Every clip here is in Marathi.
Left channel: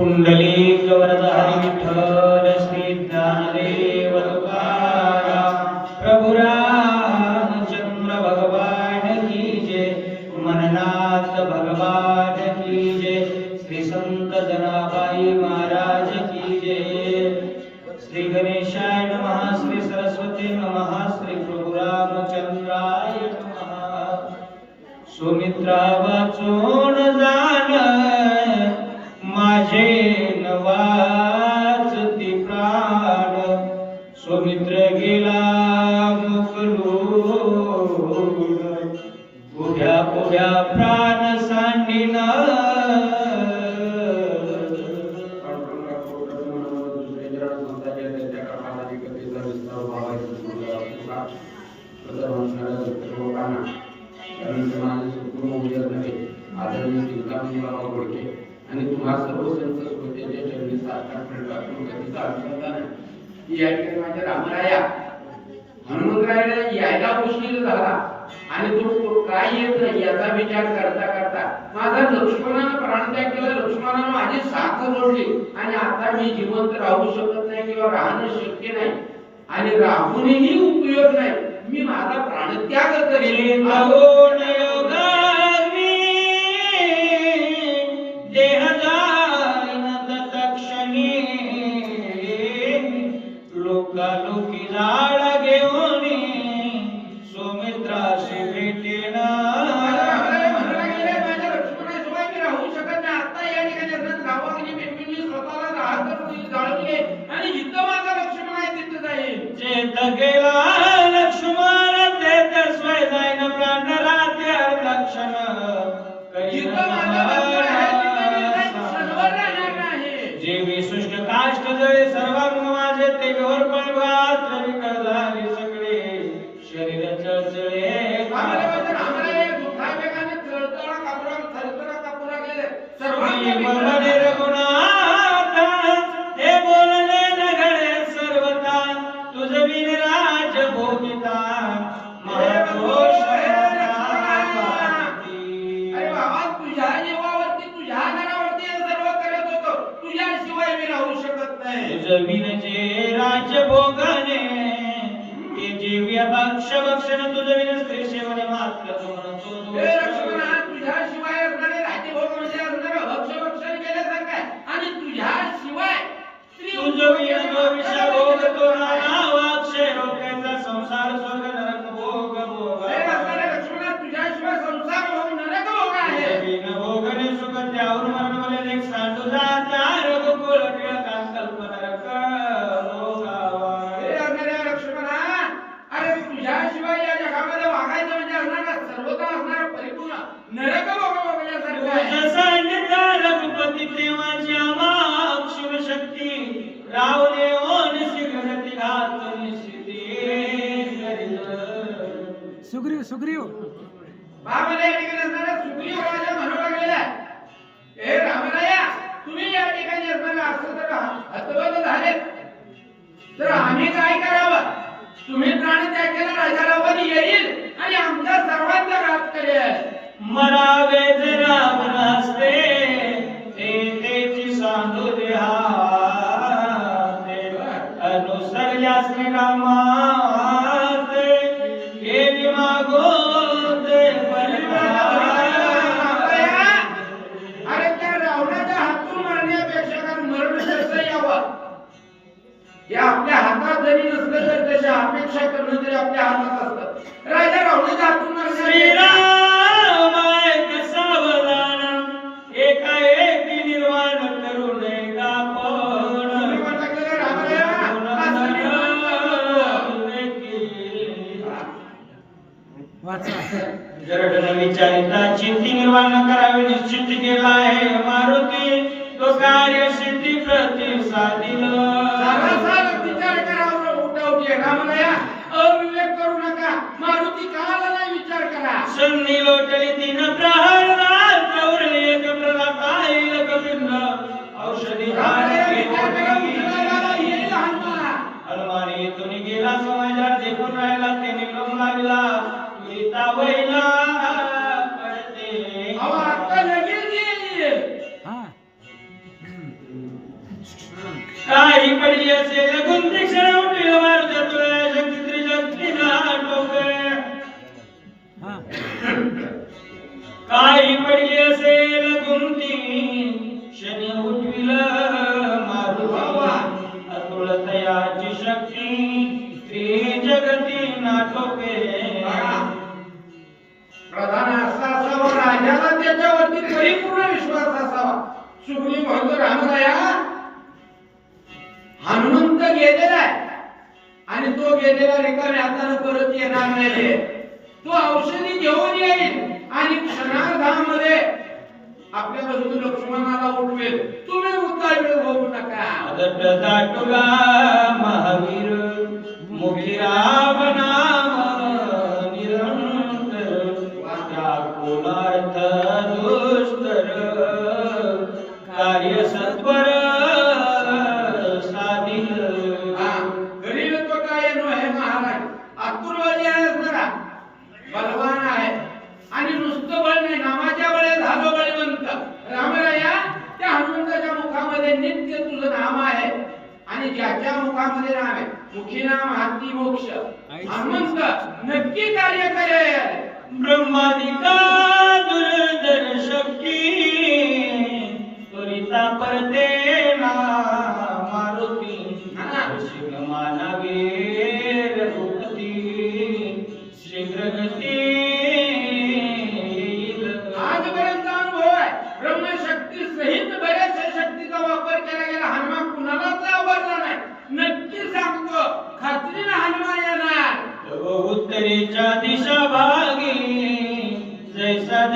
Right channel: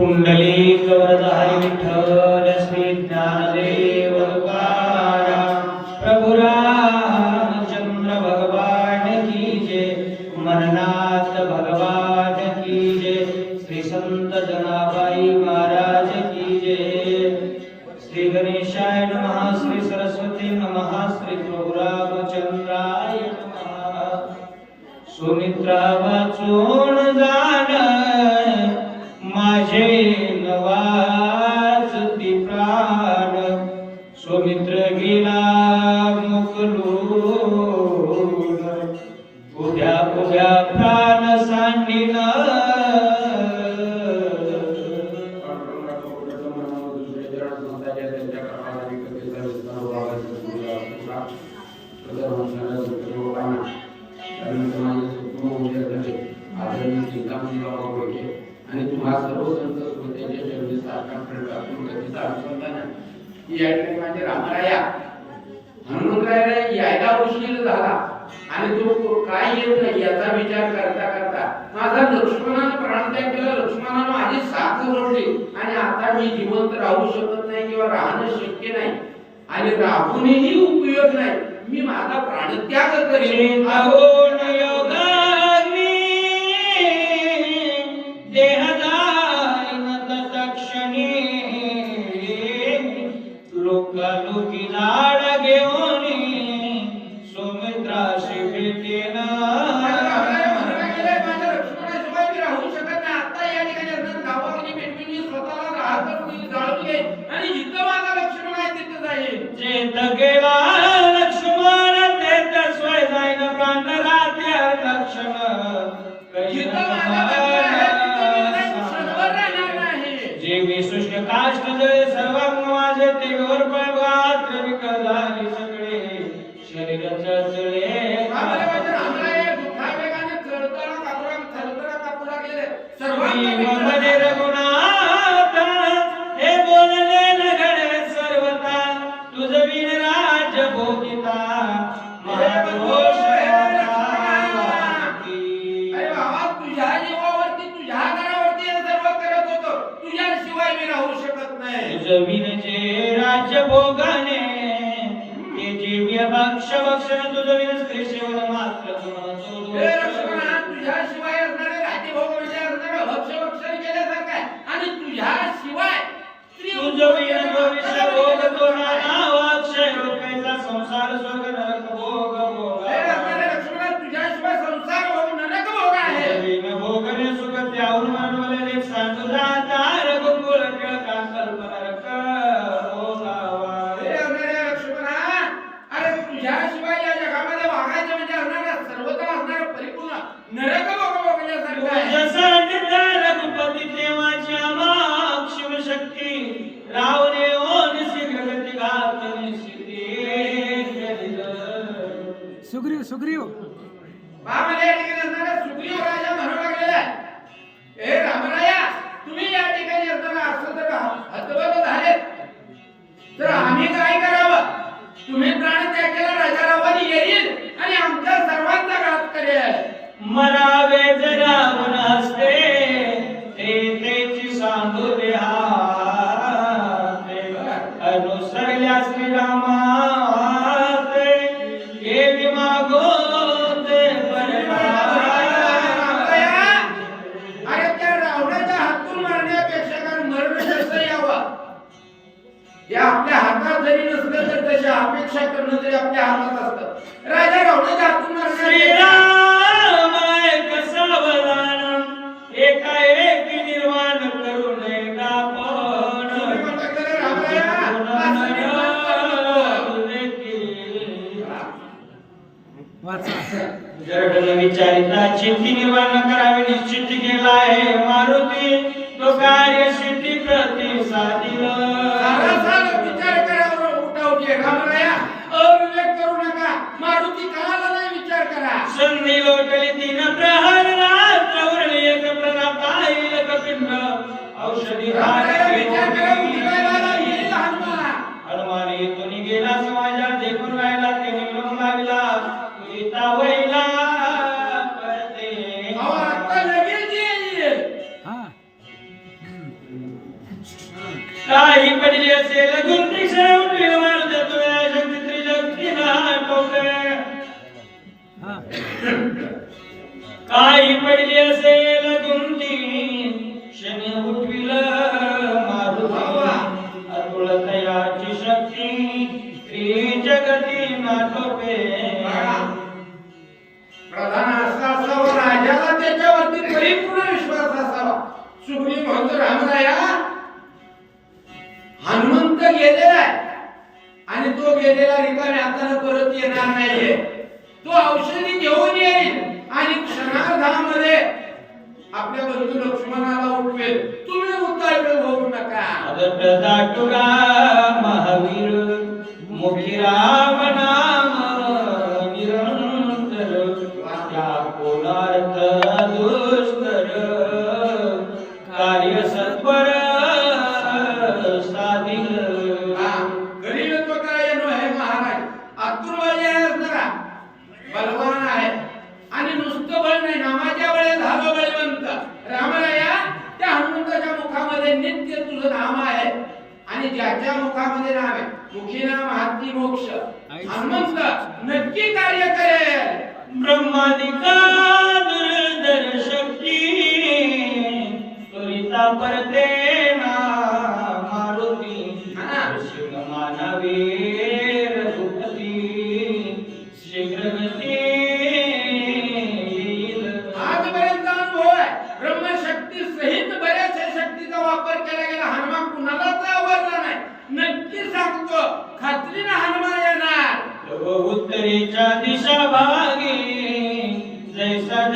पुंडलिक वरदारी विठ्ठल श्री ज्ञानदेव तुकाराम प्रभु रामचंद्र भगवान की जय मननाथ भगवान की जय श्री संत जनाबाई महाराज की जय श्री गणेशाय नमः श्री सरस्वती नमः श्री प्रभु रामचंद्राय नमः। सुमित्रा वाचून मित्र गेला मुकलून उभ्या उभ्या प्राण सांडिना. आणि तुम्हा सर्व संत श्रोत्याच्या की या ठिकाणी माझे रामराया. हनुमंतरायाला यायला उशीर झाला. आणि तो काय येऊ नये याचा विचार करता करता माझा लक्ष्मणानं प्राणत्याग केला. लक्ष्मणानं माझी साथ जोडली आणि आता मी जिवंत राहू शकत नाही किंवा राहणं शक्य नाही. आणि राहूनही उपयोग नाही. मी माझा प्राणत्याग करेन. जे राज्य भोगाने ते जीव्य भक्ष भक्षण तुझ विन स्त्री सेवन मात्र सुग्रीव सुग्रीव. बाबाला या ठिकाणी असणारा सुग्रीव राजा म्हणू लागलेला आहे. हे रामराया तुम्ही या ठिकाणी असताना असं जर हतबल झाले तर आम्ही काय करावं? तुम्ही प्राणत्याग केला राजा रावण येईल आणि आमच्या सर्वांचा घात करेल. मरावे जरा मनस्ते. हे आपल्या हातात जरी नसलं तर तशी अपेक्षा करणं तरी आपल्या हातात असतं. राजा रावणाच्या हातून मरण्यापेक्षा श्रीराम एक सावधान एका एकी निर्वाण करू नये का तुम्ही पण म्हणता की रामराया, असं निर्माण करू नको. वाचा. जरडन विचारिता चिंती निर्माण करावी निश्चित केला आहे मारुती. तो कार्य सिद्धी प्रतिसादिल अविवेक करू नका. मारुती काला नाही विचार करा. संधी लोटली तीन प्रहर रात्र उरली एक प्रदाता एक पिंड औषधी विचार करा. उठवायला येईल हनुमान हनुमान येथून गेला समाजा देखून काही पडली असेल गुंती शनी उठविल मारुती अतुळ तयाची शक्ती त्रिजगती नाटोके प्रधान असा असावा राजाला त्याच्यावरती परिपूर्ण विश्वास असावा. सुग्री म्हणतो रामराया हनुमंत गेलेला आहे. आणि तो गेलेला रिकाम्या हाताने परत येणार नाही तो औषधी घेऊन येईल आणि क्षणार्धामध्ये आपल्या बंधू लक्ष्मणाला उठवेल. तुम्ही उतावीळ होऊ नका. महावीर. मुखी रावणा मुखामध्ये नित्य तुझं नाम आहे आणि ज्याच्या मुखामध्ये नाम आहे. मुखी नाम हाती मोक्ष. हनुमंत नक्की कार्य करेल. ब्रह्मादिका दुर्धर शक्ती त्वरिता परते. हनुमान येणार व उत्तरेच्या दिशा भागी जैसा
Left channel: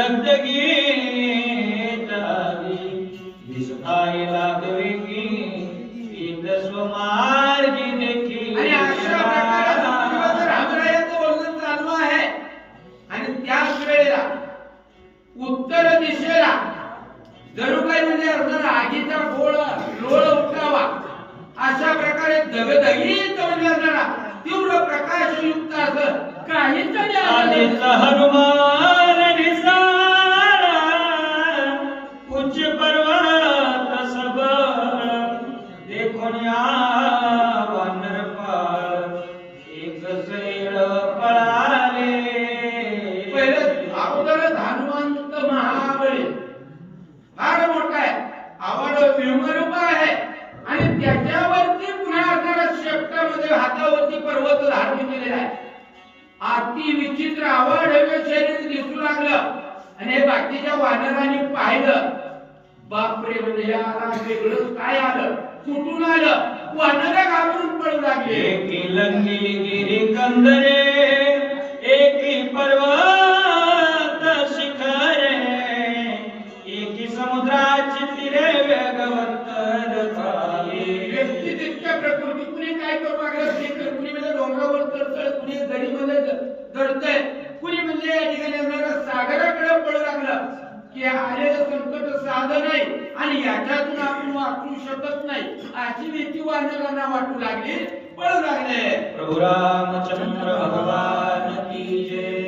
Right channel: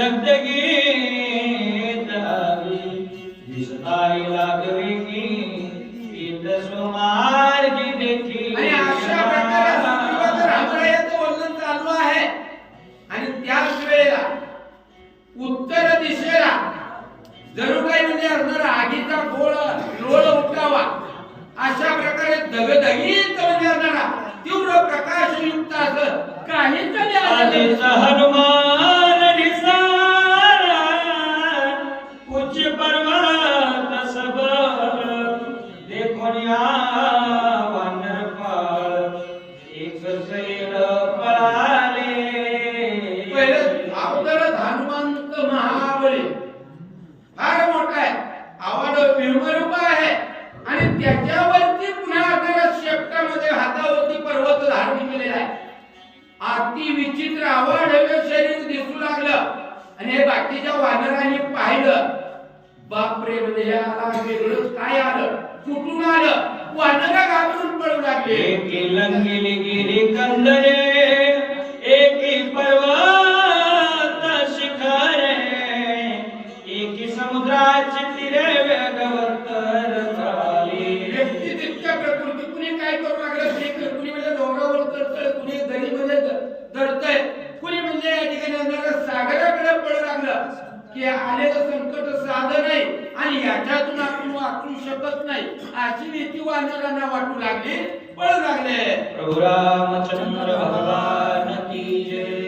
दिसताई लागली की आणि अशा प्रकारे सुग्रीवाचं रामरायाचं वर्णन चालू आहे. आणि त्याच वेळेला उत्तर दिशेला जणू काही म्हणजे असणारा आगीचा गोळ लोळ उठावा. अशा प्रकारे धगधगीत तीव्र प्रकाशयुक्त असं काहीच आधीच हनुमान धारण आहे. अति विचित्र आवड शरीर दिसू लागलं. आणि हे बाकीच्या वानरांनी पाहिलं. बापरे म्हणजे हे वेगळंच काय आलं? कुठून आलं? वानरा घाबरून पळू लागले. गेले लंगिनी कंदरे. म्हणजे सागराकडे पळ लागलं की आलेलं संकट साधं नाही आणि याच्यातून आपण वाचू शकत नाही अशी भीती वानरांना वाटू लागली पळू लागले. प्रभु रामचंद्र भगवान की जय.